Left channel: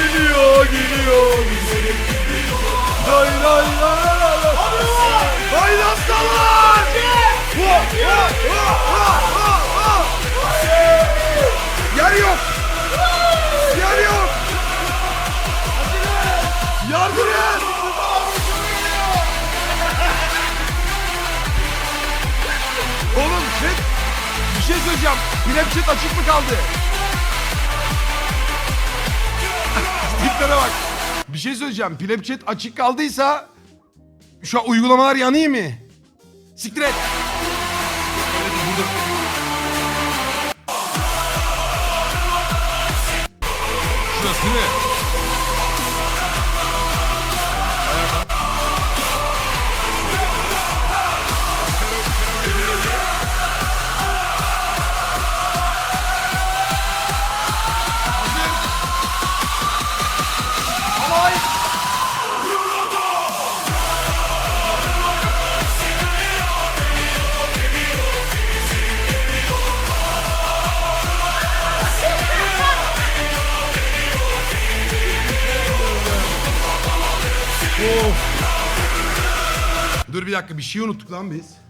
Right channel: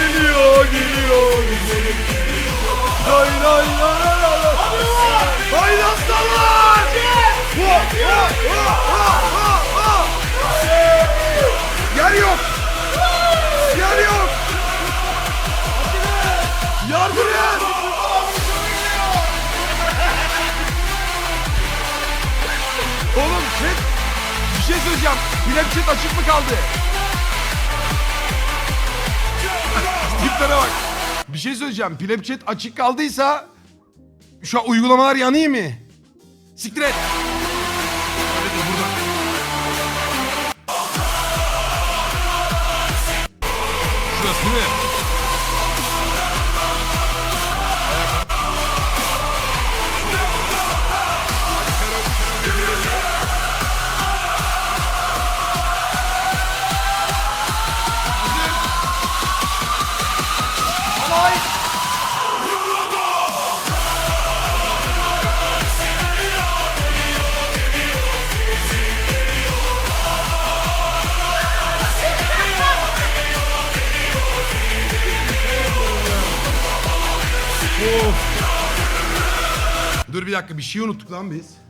geliyor, geliyor. Lay lay lay lay lay. Haydi aslanlar! Yer yok. Yer yok. Yardım et. Oğlum chat bir şey söyleyeceğim. Pinep chat açık mı kaldı? Tiplere bak. Bir şey söyleyeceğim. Snapchat açık kaldıysa şu an uygulamalar yanıyor mı? Siktir et. Öyle değil burada. Şurası değil mi? Dur bir dakika bir şey unuttuk lan biz.